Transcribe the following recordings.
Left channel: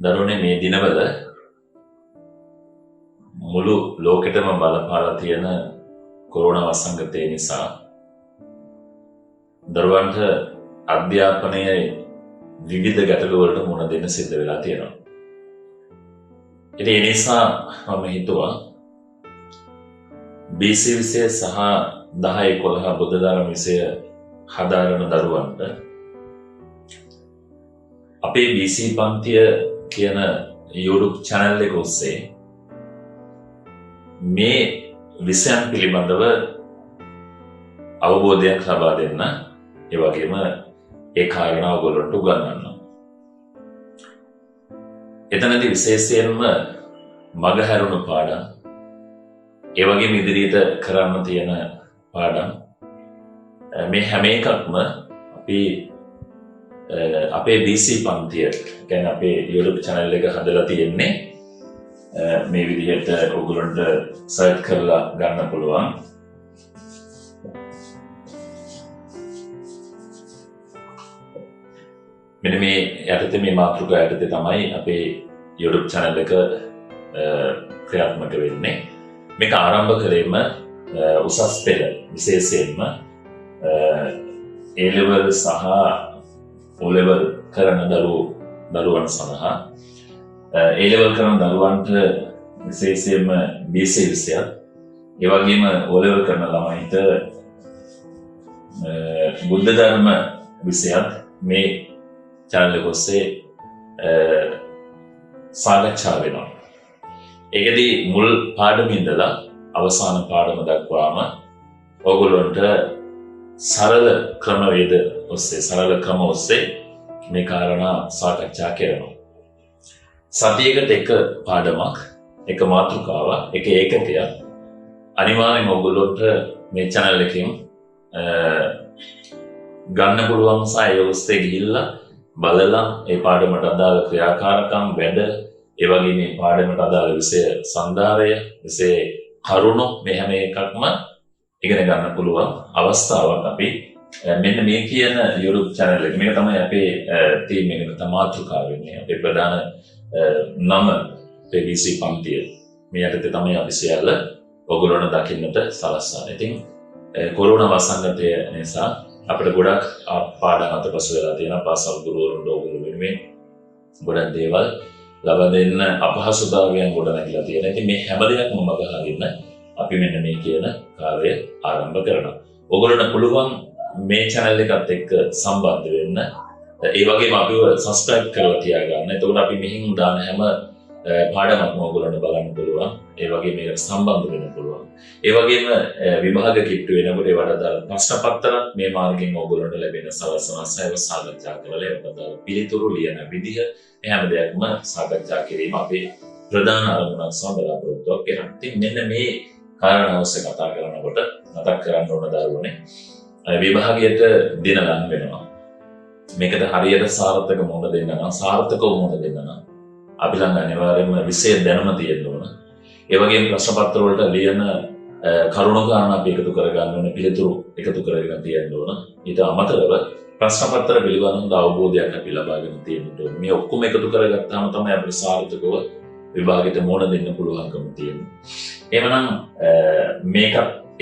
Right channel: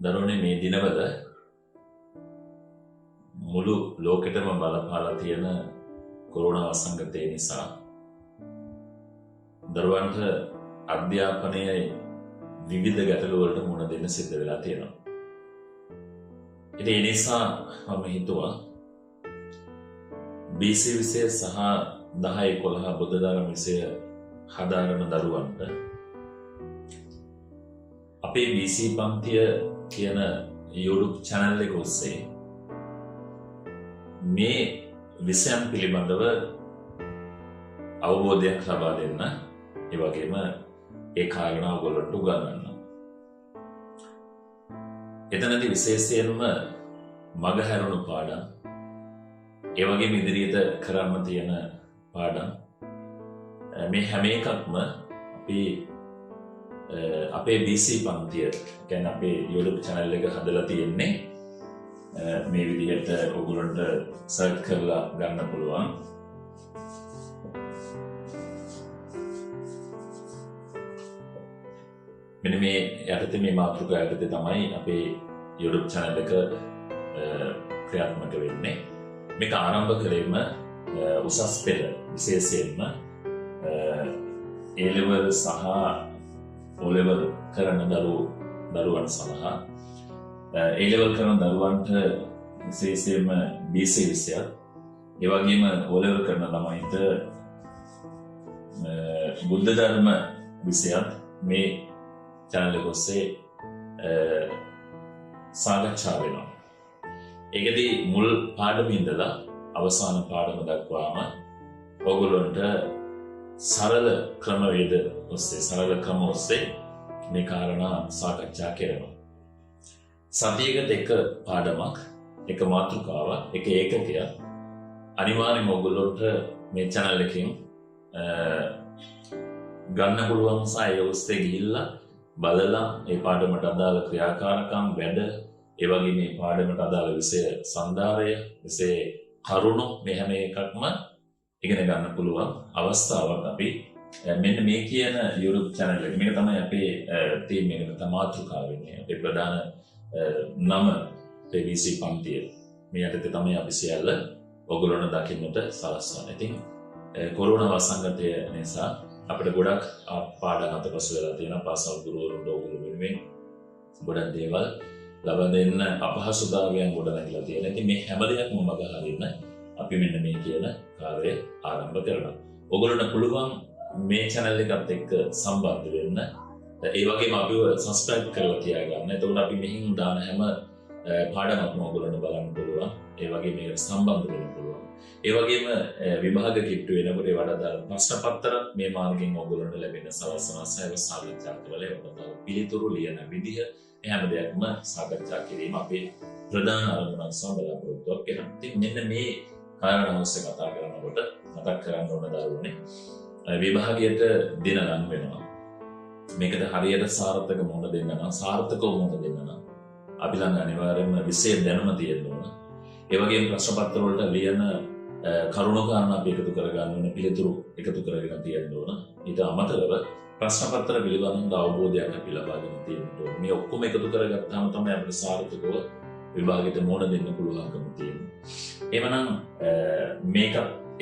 දරුවනේ මේ දිනවල මුළු ලෝකෙටම බලපාලා තියෙන කොරෝනා වසංගතය නිසා දරුවන්ට අධ්‍යාපනයේ විවිධ ගැටලු වලට මුහුණ දෙන්න සිද්ධ වෙලා තියෙනවා. ඉතින් ඒ නිසා මම හිතුවා BC විෂය සහ 10 11 බුද්ධ ධර්ම විෂය හදාරන දරුවන්ට අපේ BC පන්තිය කියන YouTube channel එක ඔස්සේ මේ විෂයන් පිළිබඳව අවබෝධයක් ලබා දෙන්න, ඒ වගේම ඒ කාරණා ඔයගොල්ලන්ට උගන්වන්න. එතනදී විශේෂයෙන්ම මගහැරුණු පාඩම්, ඒ වගේම ඉදිරියට කරන්න තියෙන පාඩම්, මේ හැම එකක්ම අපි අපේ BC පන්තිය කියන්නේ අපේ YouTube channel එක හදලා තියෙන්නේ මේ විදිහට ඔයගොල්ලන්ට සර්ච් කරලා ගන්න පුළුවන්. මෙන්න මේ යටතේ මේ මාතෘකාව යටතේ තමයි අපේ YouTube channel එක ක්‍රියාත්මක වෙන්නේ. මේක ආරම්භ කළේම උසස් පෙළ විශේෂයෙන්ම A level සහ O level කරන දරුවන් සඳහා A level කරන දරුවන්ට විශේෂයෙන්ම BC විෂයත්, ඒ වගේම O level කරන ළමයින්ට බුද්ධ ධර්ම විෂයත් මේ channel එක ඔස්සේ සාකච්ඡා වෙනවා. ඒකදී මුල් පාඩම ඉඳලා අවසාන පාඩම දක්වාම ඔයගොල්ලන්ට සරල ක්‍රමවේද ඔස්සේ සරල ක්‍රම ඔස්සේ මේ කාරණා සාකච්ඡා කරනවා. සතියකට එක පාඩමක්, එක මාතෘකාවක්, එක ඒකකයක් අනිවාර්යයෙන්ම ඔයගොල්ලන්ට මේ channel එකෙන් ගන්න පුළුවන් සහ ඒ ඔස්සේ ගිහිල්ලා බලලා ඒ පාඩමට අදාළ ක්‍රියාකාරකම් වැඩ, ඒ වගේ මේ පාඩමට අදාළ විෂය සම්භාරය, විෂය කරුණු මේ හැම එකක්ම ඉගෙන ගන්න පුළුවන් අවස්ථාවක් අපි මෙන්න මේ කියන YouTube channel එක. මේක තමයි අපේ තීම් එකේ මාතෘකාව වෙන්නේ. අපේ ප්‍රධාන නම BC පන්තිය. මේ යටතේ තමයි අපි සියල්ල ඔයගොල්ලන්ට දකින්නට සලස්වන්නේ. ඉතින් කොරෝනා වසංගතය නිසා අපිට ගොඩක් පාඩම් අතපසු වෙලා තියෙනවා. පාසල් ගුරුවරුන්ට ඔයගොල්ලෝ වෙනුවෙන් ගොඩක් දේවල් ලබා දෙන්න අපහසුතාවයන් ගොඩ නැගිලා තියෙනවා. ඉතින් මේ හැම දෙයක්ම මග හරින්න අපි මෙන්න මේ කියන කාර්යය ආරම්භ කරනවා. ඔයගොල්ලන්ට පුළුවන් මේ channel එකත් එක්ක සම්බන්ධ වෙන්න. ඒ වගේම අපිව subscribe කරලා තියාගන්න. එතකොට අපි මෙහින් දාන හැම පාඩමක්ම ඔයගොල්ලන්ට බලන්න පුළුවන්. ඒ වගේම මේකට සම්බන්ධ වෙන්න පුළුවන්. ඒ වගේම විභාග කිට්ටු වෙනකොට ඒවට අදාළ ප්‍රශ්න පත්‍රත් මේ මාර්ගයෙන් ඔයගොල්ලන්ට ලැබෙන සලසනසයව සාකච්ඡා කරලා ඒවට අදාළ පිළිතුරු ලියන විදිහ හැම දෙයක්ම සාකච්ඡා කිරීම අපේ ප්‍රධාන අරමුණක් සහ බලාපොරොත්තුවක් වෙනවා. ඉතින් මෙන්න මේ කාරණා ඔස්සේ කතා කරනකොට මතක් කරගන්න ඕන දරුවනේ විභාගයට දින ගන්න වෙනවා. මේකට හරියට සාර්ථක මුහුණ දෙන්න නම්, සාර්ථකව මුහුණ දෙන්න නම් අපි ළඟ අනිවාර්යයෙන්ම විෂය දැනුම තියෙන්න ඕන. ඒ වගේම ප්‍රශ්න පත්‍ර වලට ලියන කරුණු කාරණා අපි එකතු කරගන්න ඕන, පිළිතුරු එකතු කරගෙන තියෙන්න ඕන. ඊට අමතරව ප්‍රශ්න පත්‍ර පිළිබඳව අවබෝධයක් අපි ලබාගෙන තියෙන්න ඕන. මේ ඔක්කොම එකතු කරගත්තාම තමයි අපිට සාර්ථකව විභාගයට මුහුණ දෙන්න පුළුවන්කම තියෙන්නේ. එහෙමනම් මේක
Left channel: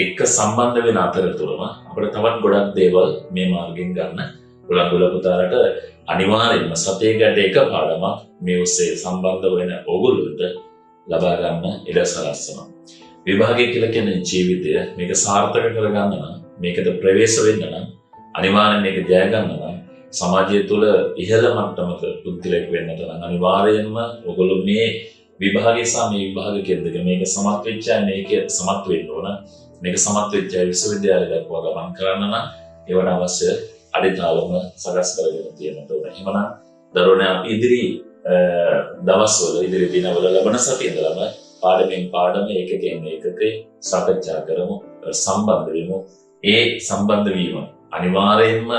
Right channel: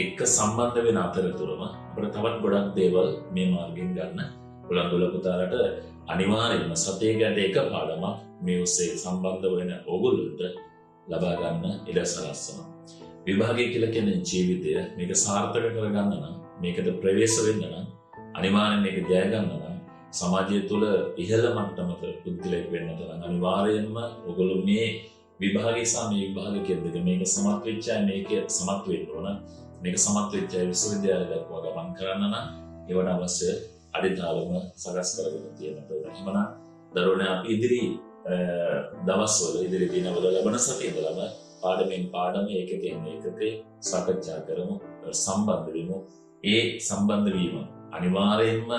එක්ක සම්බන්ධ වෙන අතරතුරම අපිට තවත් ගොඩක් දේවල් මේ මාර්ගෙන් ගන්න පුළුවන්. පුතාලට අනිවාර්යයෙන්ම සතියකට එක පාඩමක් මේ ඔස්සේ සම්බන්ධ වෙන ඕගොල්ලන්ට ලබා ගන්න ඉඩ සලස්වනවා. විභාගය කියලා කියන්නේ ජීවිතය. මේක සාර්ථක කරගන්න නම්, මේකට ප්‍රවේශ වෙන්න නම්, අනිවාර්යයෙන් මේක ජය ගන්න නම්, සමාජය තුළ ඉහළ මට්ටමක පුද්ගලයෙක් වෙන්නට නම් අනිවාර්යයෙන්ම ඔයගොල්ලෝ මේ විභාගය සහ මේ විභාග කෙරෙද්ද මේක සමත් වෙච්ච අය මේක සමත් වෙන්න ඕන. මේක සමත් වෙච්ච අය විශ්වවිද්‍යාලය දක්වා ගමන් කරන්න නම් ඒවට අවශ්‍ය අඩිතාලම සකස් කරගෙන තියෙන්න ඕන. එහෙමනම් දරුවනේ අපි ඉදිරි දවස්වල, ඉදිරි දිනවල ලබන සතියේ ඉඳලම පාඩමෙන් පාඩම, ඒකකෙන් ඒකකේ සාකච්ඡා කරමු, සම්බන්ධ වෙමු. ඒ සම්බන්ධ වීම අනිවාර්යයෙන්ම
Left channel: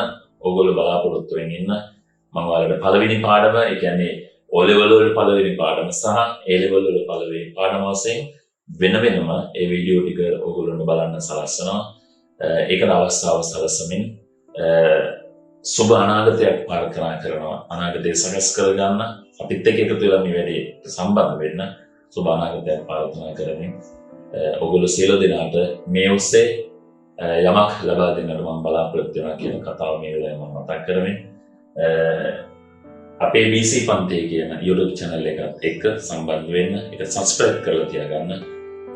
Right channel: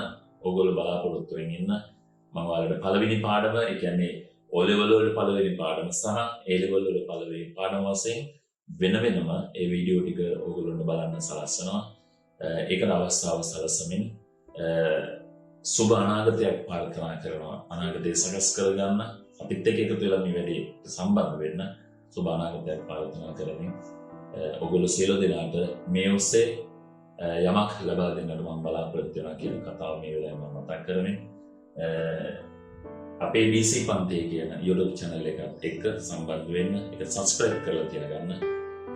ඔයගොල්ලෝ බලාපොරොත්තු වෙමින් ඉන්න. මම ඔයාලට පළවෙනි පාඩම, ඒ කියන්නේ O level වල පළවෙනි පාඩම සහ A level වල පළවෙනි පාඩම වශයෙන් වෙන වෙනම ඒ වීඩියෝ ටික ඔයගොල්ලන්ට බලන්න සලස්වනවා. ඒකට අවස්ථාව සලසමින් සුබ අනාගතයක් පාරකරා කරනවා. අනාගතය සකස් කරගන්න අපිත් එක්ක එකතු වෙලා මේ වැඩේ සම්බන්ධ වෙන්න සුබ අනාගතයක් ප්‍රාර්ථනා කරමින් ඔගොල්ලෝ සියලු දෙනාට මේ ඔස්සේ යමක් ලබා දෙන්නට මම බලාපොරොත්තු වෙනවා කියන කතාව මේ වෙලාවේ මම මතක් කරමින් අපේ BC පන්තිය කියන YouTube channel එකත් එක්ක සම්බන්ධ වෙන්න, ඒක subscribe කරලා තියාගන්න.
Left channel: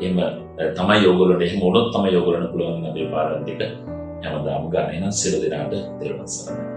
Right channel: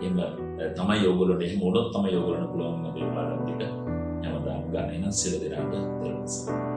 එහෙම තමයි ඔයගොල්ලෝට එහෙම වුණොත් තමයි ඔයගොල්ලන්ට පුළුවන් අපේ පාඩම් ටික හැමදාම ගන්න. එහෙනම් සියලු දෙනාට තෙරුවන් සරණයි.